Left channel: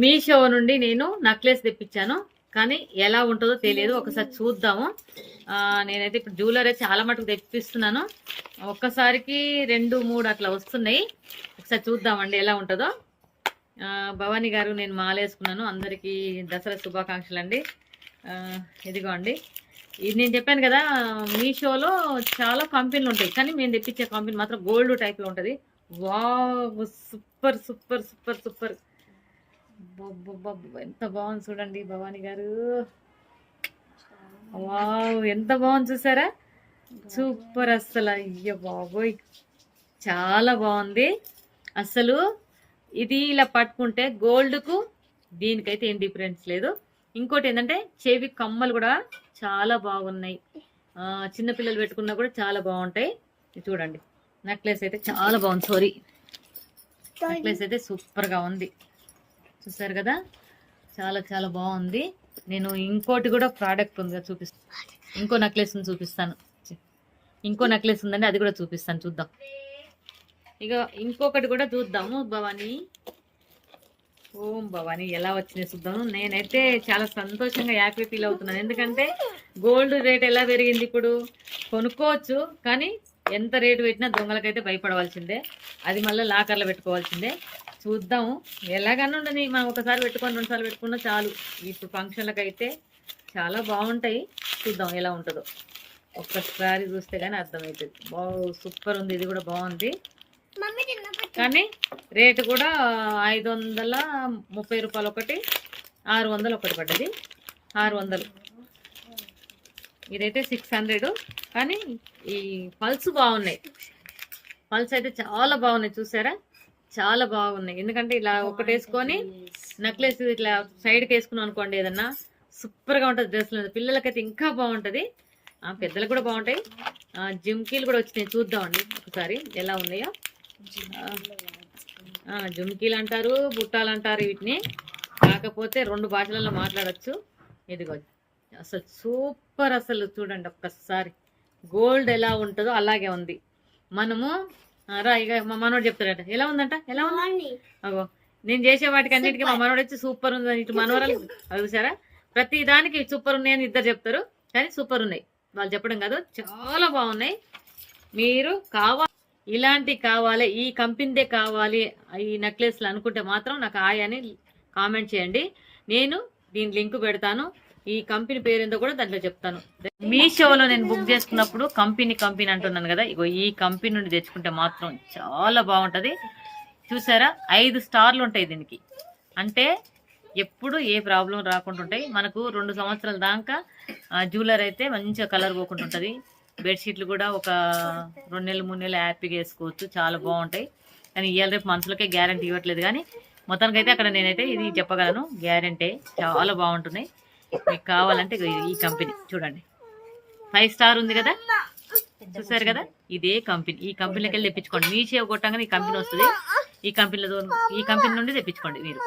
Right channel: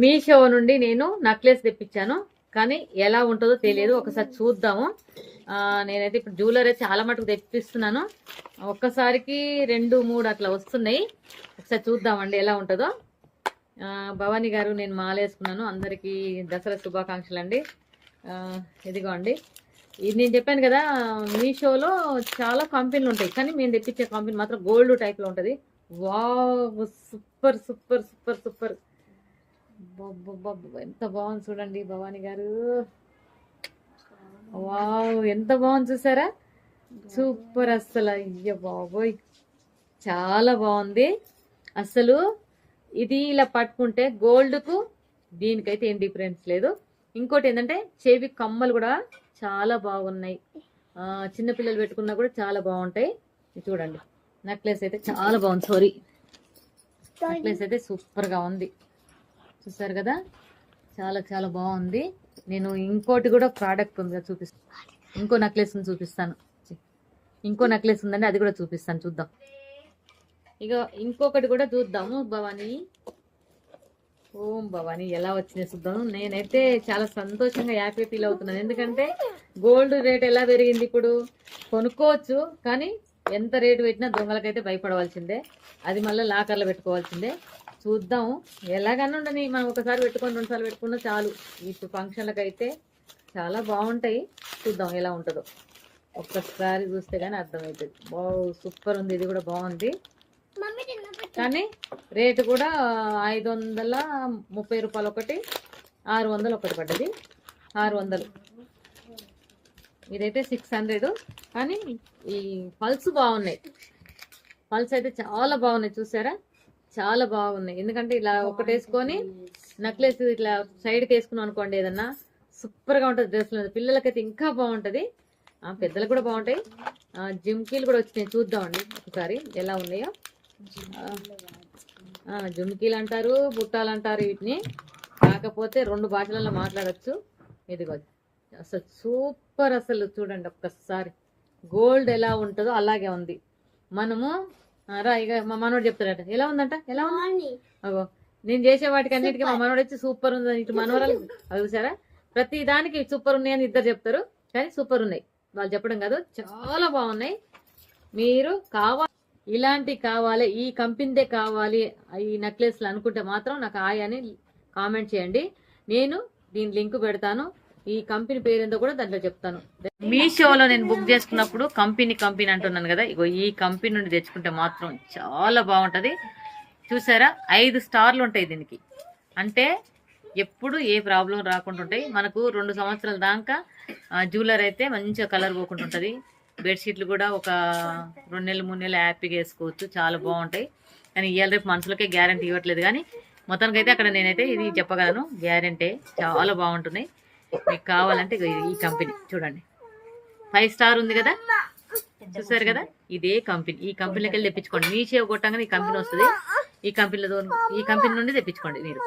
మీషో నుండి నేను నెక్లెస్ తెప్పించాను, కానీ ఎలా ఉంటుందో తెలియదు. ఒకసారి చూద్దాము. నేనైతే ఇప్పుడు జ్యువెలరీ చాలా మటుకు తెప్పిస్తున్నాను. ఒక్కసారికి 2, 3 అట్లా వస్తున్నాయి. ఒకసారి చూద్దామండి ఎలా ఉంటుందో. భవానీ గారు, నేను మాలేసుకున్నాను. అందరికీ దసరా శుభాకాంక్షలు అండి. ఇదిగో అండి, ఇది నేను చెప్పాను కదా, మీషోలో చాలా కంపెనీలు ఉంటాయి, కానీ మేము తెప్పించే కంపెనీ మాత్రం గోల్డ్ టైప్లో ఉంటుంది. Wow, super super super super. ఎంత బాగుంది చూడండి భవానీ గారు. వావ్, ఎంత బాగుంది చూసారా, సూపర్. అస్సలు అయ్యో బాబోయ్, చాలా బాగుంది అసలు. ఇది ఇలా పట్టుకుంటే గోల్డ్కు దీనికైతే ఏం డిఫరెన్స్ లేదు. ఇంకోటి ఏంటంటే చెవి కమ్మలు కూడా చాలా బాగున్నాయి. చిన్నపిల్లలు పెట్టుకున్నా కూడా చాలా బాగుంటాయి. చూడండి, నెక్లెస్ అయితే చాలా బాగుంది. సారీ, నెక్లెస్ అయితే సూపర్గా ఉంది. చూసారు కదా, చాలా చాలా బాగుంది. నేను ఇంకోటి కూడా ప్రోడక్ట్ ఉంది చూపిస్తాను. ఇంకో నెక్లెస్ చూపిస్తాను. ఇంకో నెక్లెస్ ఉందండి, అది కూడా చూపిస్తాను. చూద్దాం. ఇక ఇంకొకటి కూడా చూద్దాము. భవానీ, ఓం భవానీ ఎలా వచ్చినాయి చూద్దాము. నేనైతే చాలా సంతోషంగా హ్యాపీ ఫీల్ అవుతున్నాను. ఎందుకంటే గోల్డ్ రేట్ ఎలా పెరిగింది. ఇప్పుడు కొనుక్కోవచ్చు, కానీ ఎంత రేటు పెట్టినా దొంగలకైతే భయపడవలసిందే. అది మళ్ళీ లాకర్లో పెట్టుకోవాల్సిందే. చూద్దాము. ఎలాగన్నా ఉండని, మనం ఒకసారి పెట్టుకొని 2 సార్లు పెట్టుకున్నా చాలు. ఇప్పుడు ఫంక్షన్లకు అయితే చాలా బాగుంటాయి. చూద్దాం ఎలా ఉంటుందో. ఒక్కసారి చూస్తే కానీ అర్థమవుతుంది. సూపర్ ఉంది. ఇది కూడా బాగుంది, కానీ రేటు కూడా 530 రూపాయలు ఒకటి, 600 ఒకటి పడ్డది. 600. ఇదైతే 600. కానీ ఈ పల్స్ బాగున్నాయి. పల్స్ అయితే చాలా బాగున్నాయి. చూసారా, చాలా బాగున్నాయి. ఎందుకంటే ఇలా ఒకటి వేసుకొని నెక్లెస్ ఇట్లా సైడ్కి వేసుకున్నాం అనుకోండి, ఏదన్నా సూపర్గా ఉంటుంది. డ్రెస్లో పిల్లలకైతే ఇంకా బాగుంటుంది, పెద్దలకు కూడా బాగుంటాయి. జుమ్కీలు కూడా వచ్చినాయి, చూద్దామండి ఒకసారి ఎలా ఉన్నాయో. జుమ్కీలు అంటారు, బుట్టాలు అంటారు వీటిని. కాకపోతే 2 భాషలలో మాట్లాడచ్చు. ఇదిగో అసలు సూపర్. అసలు చూడండి ఒక్కసారి, గోల్డ్ ఎలా ఉంటుందో అలాగే ఉంది. మనము రా, ఇక మా మనోడు చెప్తాడట ఎలా ఉందంట, ఎలా ఉందండి. అగో, నేను చేసే వాటికి అన్నిటికీ మా మనోడు వచ్చి సూపర్ ఉందని, ఇటు మనవరాలు చూసారా, ప్రతి దానికి సూపర్ ఉన్నాయని ఇద్దరు చెప్తారు, కానీ సూపర్ ఉన్నాయి వాళ్ళు చెప్పడం కాదు, చాలా బాగున్నాయి. మీరు ఇలాంటి కావాలి, ఈ కంపెనీదే కావాలి ఈ నెక్లెస్లు అనుకుంటే మాత్రం నాకు అని కామెంట్ చేయండి. నేను దీని లింక్ పెడతాను. ఈ కంపెనీ పేరేందో కూడా దాంట్లో చెప్తాను. మీషోలో నేను బుక్ చేసుకున్నప్పుడు కంపెనీ అంటున్నాను కదా, ఇగో ఈ కంపెనీ నుండి తెచ్చుకుంటే మాత్రం చాలా బాగుంటది. చూసారా, 5 స్టార్లు ఉంటాయి దీనికి. అంటే ఎప్పుడు ఏ ప్రాబ్లం రాకుండా ఉంటాయి. మనకు 2 సంవత్సరాల దాకా జ్యువెలరీ అయితే మంచిగా కలర్ పోకుండా ఉంటుంది. బెడ్షీట్లు కూడా ఒక 2 నెలలు 3 నెలలు హ్యాపీగా వేసుకోవచ్చు. చాలా బాగుంటాయి. కానీ ఇవాళ రేపు మనుషులకే గ్యారంటీ ఇవ్వట్లేదు, కానీ మొత్తానికి అయితే అక్కడ నేనైతే ఇది చెప్పగలను, గ్యారంటీ. చాలా బాగుంటున్నాయి. మీకు కావాలంటే ఈ కంపెనీ చూడండి, 5 స్టార్ ఉంది కదా, చూసారు కదా, ఇదే కంపెనీ. ఈ కంపెనీకి వెళ్ళి తెప్పించుకోండి. మీషో కొట్టంగానే ఈ కంపెనీ వస్తుంది. ఈ కంపెనీ నుండి తెప్పించుకోండి మీరు.